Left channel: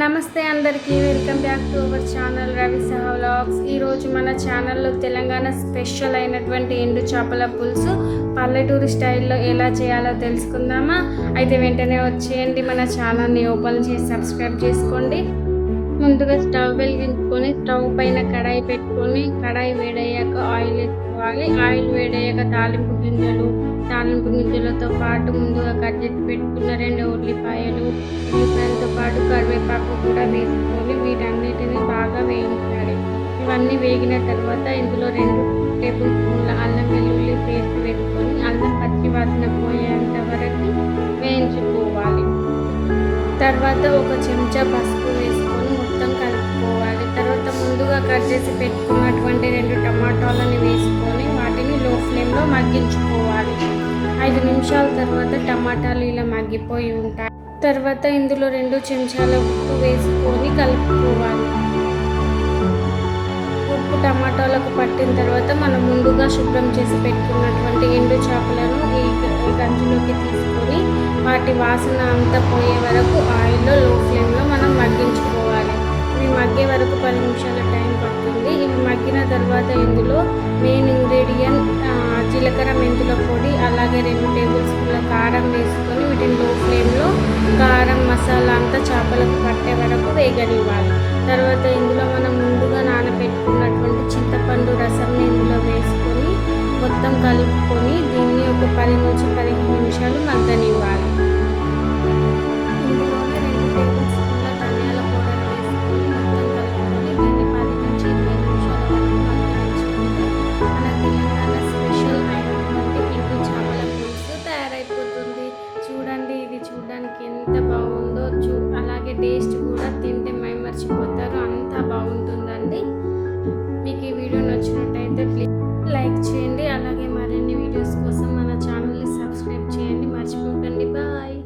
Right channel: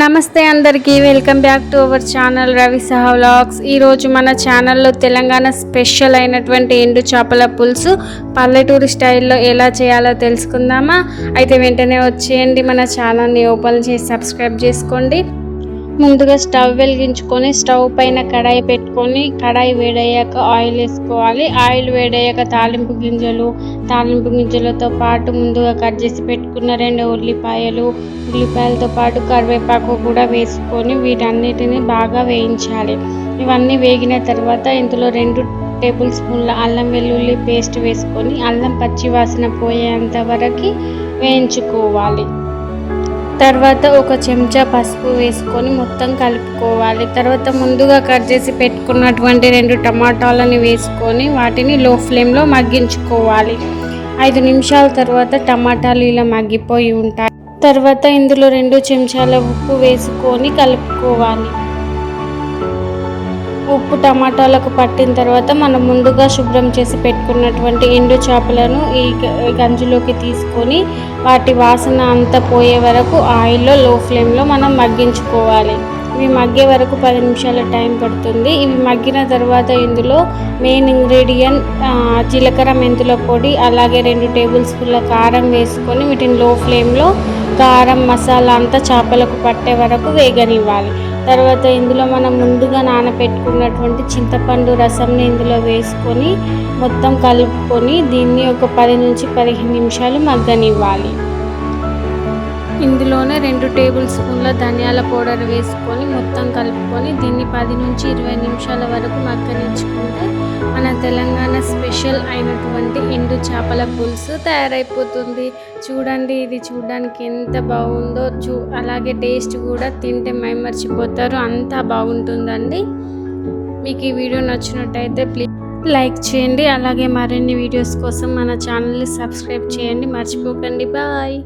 నమస్తే అందరికీ welcome back to our channel Ravi సహా వ్లాగ్స్. ఈరోజు మన ఛానల్లో తెలంగాణ స్పెషల్ అయినటువంటి ఎండు చేపల పులుసు పల్లెటూరు స్టైల్లో ఎలా చేయాలో తెలుసుకుందామా? అయితే వెంటనే వచ్చేయండి, మన ఛానల్ని ఓపెన్ చేసి సబ్స్క్రైబ్ చేసుకోండి. ముందుగా స్టవ్ వెలిగించుకొని స్టవ్ పైన కడాయి పెట్టుకొని కడాయి వేడయ్యాక ఆయిల్ వేసుకోవాలి. ఆయిల్ వేడయ్యాక తాలింపు గింజలతో పాటు ముందుగా కట్ చేసి పెట్టుకున్న 2 ఉల్లిపాయలతో పాటు కరివేపాకు కూడా వేసుకొని వీటన్నిటిని బాగా వేయించాలి. ఇవన్నీ వేగిన తర్వాత ఇందులో 2 టేబుల్ స్పూన్ల అల్లం వెల్లుల్లి పేస్ట్ వేసుకొని అల్లం పచ్చి వాసన పోయేంత వరకు వేయించుకోవాలి. తర్వాత 1 చెంచా పసుపు వేసుకొని మొత్తం కలుపుకోవాలి. తర్వాత ముందుగా కట్ చేసి పెట్టుకున్నటువంటి 2 టమాటాలని వేసుకొని వాటిని లో ఫ్లేమ్లో మగ్గించుకోవాలి. 5 నిమిషాల తర్వాత టమాటాలు ఇలా మగ్గిపోయి ఉంటాయి. తర్వాత ఇందులో 2 చెంచాల ఉప్పు వేసుకొని కలుపుకోవాలి. ఉప్పు టమాటాలకు పట్టిన తర్వాత మనం ముందుగా శుభ్రం చేసి పెట్టుకున్నటువంటి ఎండు చేపలను ఈ గంజులోకి తీసుకొని వాటి వాసన అంతా పోయే వరకు ఆయిల్లో లో ఫ్లేమ్లో మనం మగ్గించుకోవాలి. ఇవి మగ్గే వరకు 10 నిమిషాల టైం పడుతుంది. ఇవి మగ్గిన తర్వాత ఇందులో మెయిన్ ఇంగ్రీడియంట్ జీలకర్ర మెంతుల పొడి, అలాగే 2 టేబుల్ స్పూన్ల కారం వేసుకొని వీటిని లో ఫ్లేమ్లో కారం మసాలా అంతా చేపలకు పట్టే వరకు వేగనివ్వాలి. తర్వాత ఇందులో మనం ముందుగా నానబెట్టుకున్నటువంటి చింతపండు రసంని ఇందులో వేసుకొని మొత్తం కలుపుకొని దీన్ని ఒక 10 నుంచి 15 నిమిషాలు మగ్గనివ్వాలి. ఇందులోనే 2 టేబుల్ స్పూన్ల ధనియాల పౌడర్ వేసుకొని మొత్తం కలుపుకొని దీన్ని 10 నుంచి 20 నిమిషాల వరకు మగ్గనించుకుంటే మన తెలంగాణ స్పెషల్ అయినటువంటి ఎండు చేపల పులుసు తయారైపోతుంది. చూడండి, ఇది చూడడానికి ఎంత బాగుందో, అలాగే టేస్ట్ కూడా తింటే మైమర్చిపోతారు, అంతా బాగుంటుందండి. మీకు ఈ వీడియో నచ్చినట్టయితే ప్లీజ్ లైక్ చేయండి. అలాగే మరిన్ని వీడియోస్ కోసం మన ఛానల్ని సబ్స్క్రైబ్ చేయండి, మర్చిపోకండి. బాయ్.